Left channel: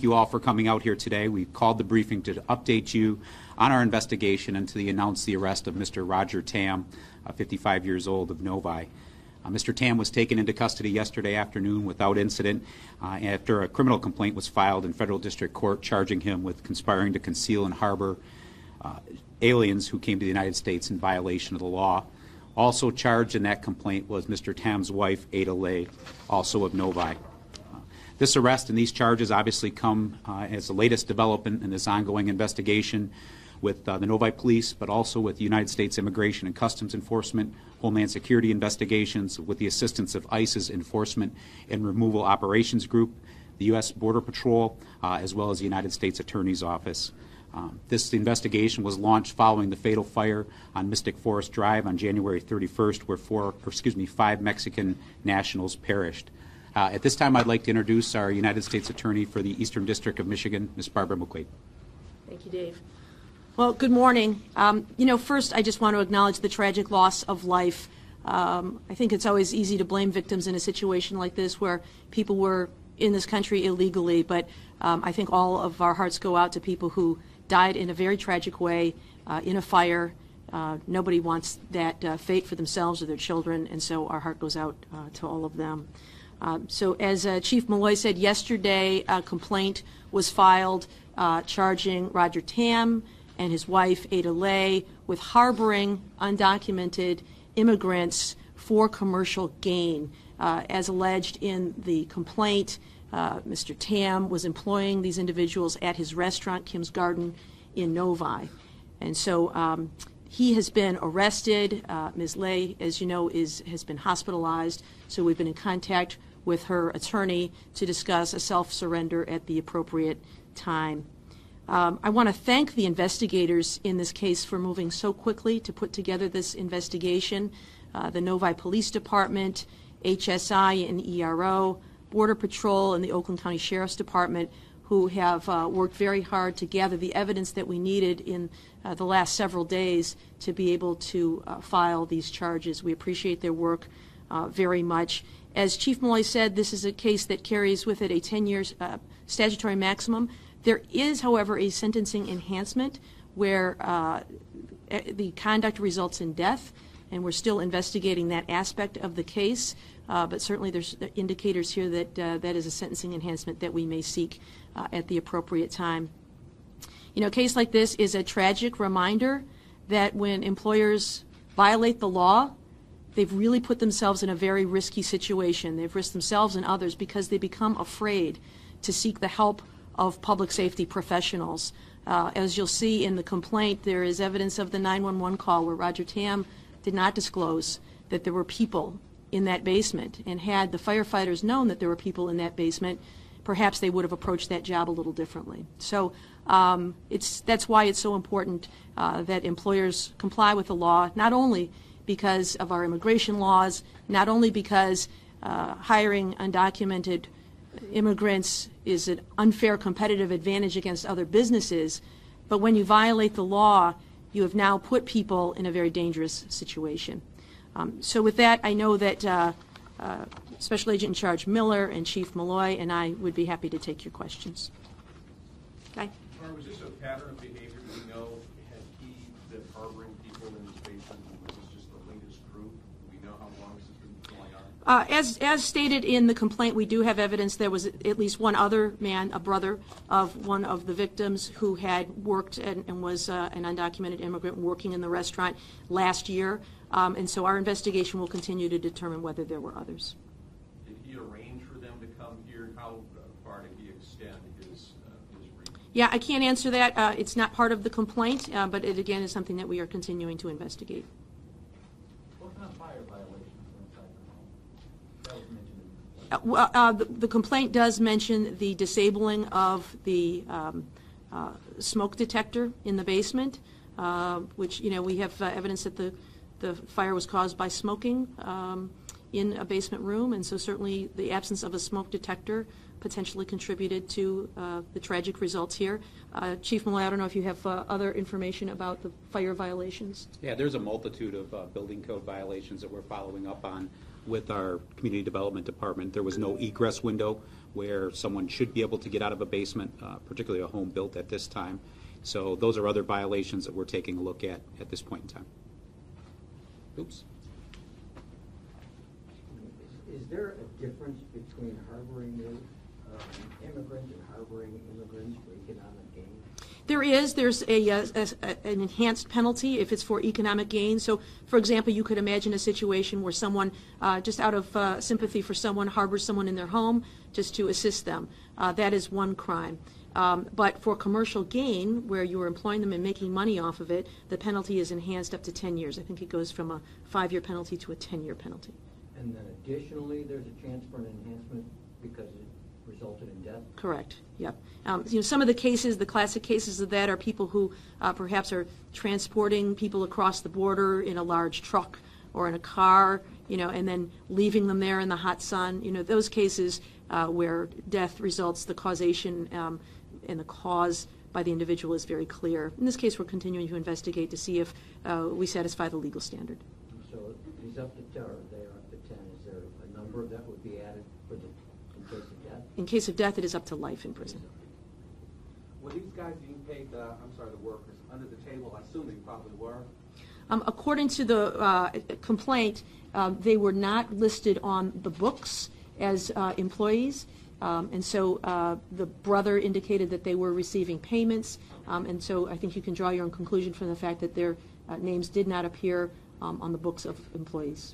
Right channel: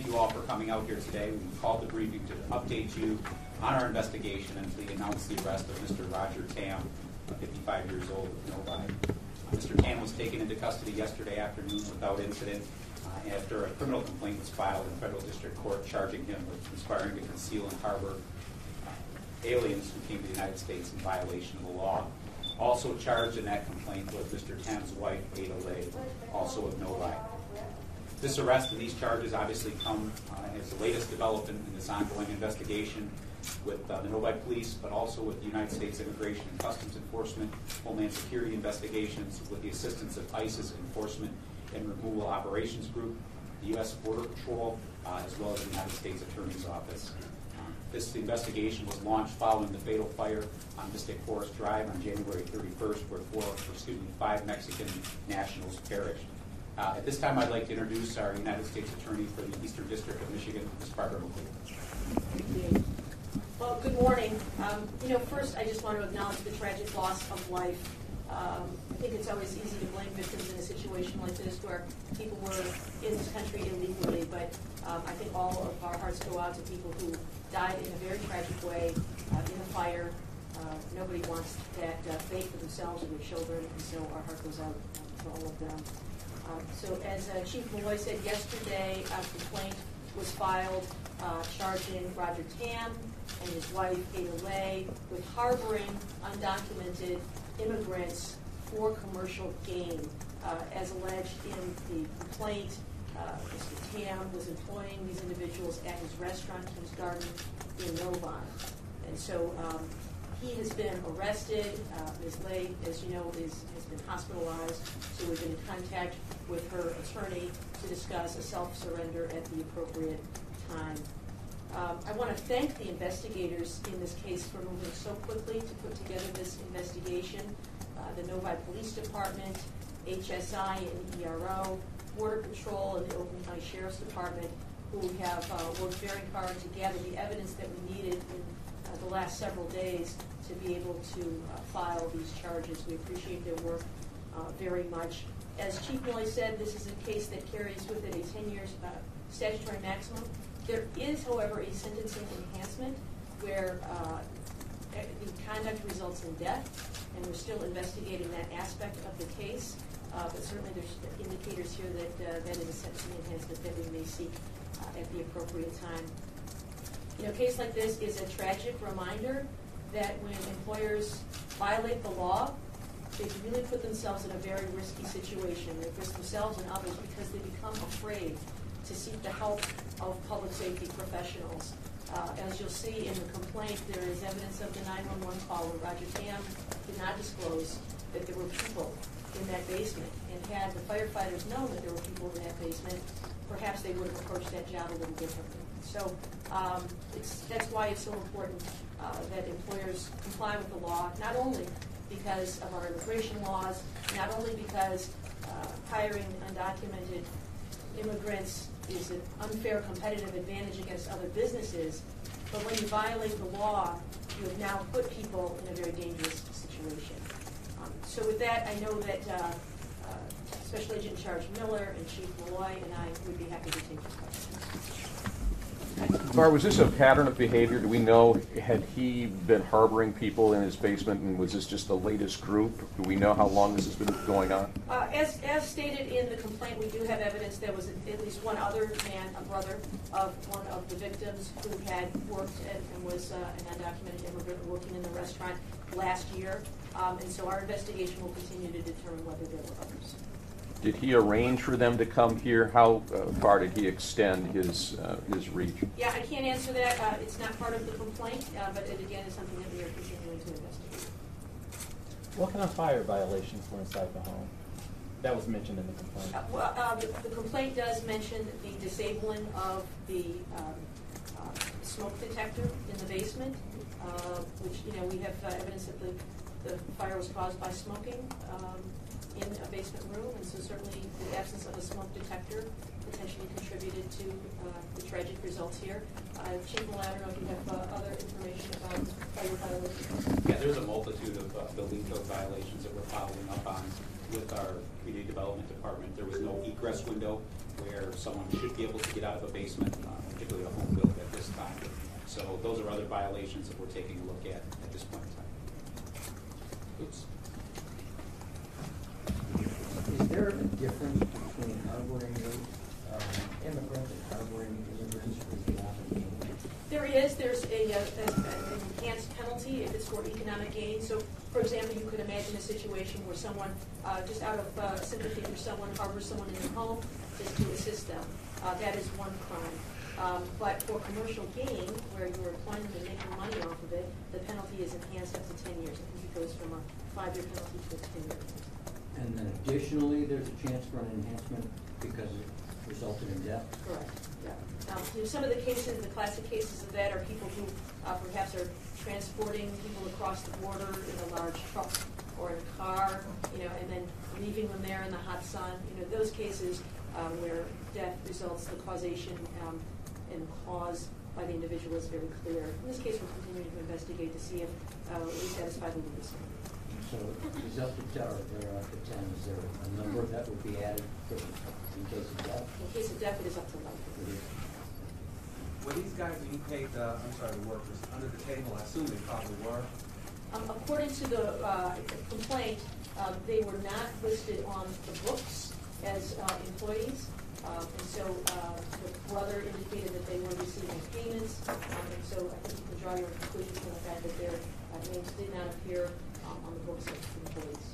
Thank you all for coming out here today. We called the briefing to update you on our investigation and to announce the arrest of Mr. Roger Tam, 55 years old, of Novi. Mr. Tam was taken into custody yesterday afternoon without incident after a criminal complaint was filed in federal district court charging him with conspiring to conceal and harbor aliens who came to the United States in violation of the law. Also charged in that complaint was Mr. Tam's wife, Ada Lay, also of Novi. This arrest and these charges obviously come as the latest development in this ongoing investigation with the Novi Police, but also with the United States Immigration and Customs Enforcement, Homeland Security investigations, with the assistance of ICE's Enforcement and Removal Operations Group, the U.S. Border Patrol, as well as the United States Attorney's Office. This investigation was launched following the fatal fire on Mystic Forest Drive on January 31st, where 5 Mexican nationals perished. At this time, I'd like to introduce our United States Attorney for the Eastern District of Michigan, Ms. Barbara McQuaid. Thank you, Dave. Well, good morning. First, I just want to acknowledge the tragic loss of life. I think it's always easy to blame victims in a situation like this where people were in this country illegally, but I think all of our hearts go out to people who died in a very tragic way in a fire. Nobody wants that fate for themselves or their children, and so our heart goes out to all of them. So as Chief Malloy said yesterday, a complaint was filed charging Roger Tam and his wife, Ada Lay, with harboring undocumented immigrants for commercial gain. As alleged in the complaint, Mr. Tam was employing these individuals at his restaurant, Kim's Garden, in Novi. And so he has been arrested. Ms. Lay, as you know, has been hospitalized. So we've been in contact with her attorney to discuss a self-surrender at the appropriate time. I want to thank the investigators in this case for moving so quickly to put together this investigation. The Novi Police Department, HSI and ERO, Border Patrol, and the Oakland County Sheriff's Department, who have worked very hard to gather the evidence that we needed in the last several days to be able to file these charges. We appreciate their work very much. As Chief Malloy said, this is a case that carries with it a 10-year statutory maximum. There is, however, a sentencing enhancement where the conduct results in death, and we're still investigating that aspect of the case. But certainly there's indicators here that that is a sentencing enhancement that we may seek at the appropriate time. You know, a case like this is a tragic reminder that when employers violate the law, they've really put themselves in a very risky situation. They've risked themselves and others because they become afraid to seek the help of public safety professionals. As you'll see in the complaint, there is evidence of the 911 call where Roger Tam did not disclose that there were people in that basement, and had the firefighters known that there were people in that basement, perhaps they would have approached that job a little differently. So that's why it's so important that employers comply with the law, not only because of our immigration laws, not only because hiring undocumented immigrants is an unfair competitive advantage against other businesses, but when you violate the law, you have now put people in a very dangerous situation. So with that, I know that Special Agent in Charge Miller and Chief Malloy and I would be happy to take your questions. Bar, was this a pattern of behavior? Do we know, had he been harboring people in his basement, and was this just the latest group? Do we know how long this has been going on? As stated in the complaint, we do have evidence there was at least one other man, a brother of one of the victims, who had worked and was an undocumented immigrant working in the restaurant last year. And so our investigation will continue to determine whether there were others. Did he arrange for them to come here? How far did he extend his reach? Yeah, I can't answer that. It's not part of the complaint, but it again is something that we are continuing to investigate. What kind of fire violations were inside the home? That was mentioned in the complaint. The complaint does mention the disabling of the smoke detector in the basement, which, you know, we have evidence that the fire was caused by smoking in a basement room, and so certainly the absence of a smoke detector potentially contributed to the tragic results here. Chief Malloy, I don't know if you have other information about the fire violations. Yeah, there's a multitude of building code violations that we're following up on with our Community Development Department. There was no egress window where someone should be able to get out of a basement, particularly a home built at this time. So those are other violations that we're taking a look at this point in time. Oops. Is there a difference between harboring immigrants and harboring immigrants for economic gain? There is. There's an enhanced penalty if it's for economic gain. So, for example, you could imagine a situation where someone, just out of sympathy for someone, harbors someone in their home just to assist them. That is one crime. But for commercial gain, where you're employing them and making money off of it, the penalty is enhanced up to 10 years. I think it goes from a 5-year penalty to a 10-year penalty. And then additionally, there's a chance for an enhancement because it resulted in death? Correct. Yep. Some of the cases, the classic cases of that, are people who perhaps are transporting people across the border in a large truck or in a car, and then leaving them there in the hot sun. Those cases where death results, the causation and the cause by the individual is very clear. In this case, we're continuing to investigate to see if we satisfy the legal standard. So it's up to 10, or they're up to 10. Is there a number that would be added in case of death? In case of death, it is up to life in prison. Were these guys being paid, the workers, under the table? I assume they probably were. According to the complaint, they were not listed on the books as employees, and so the brother indicated that they were receiving payments, and so I think you can draw your own conclusion from the fact that their names did not appear on the books of employees.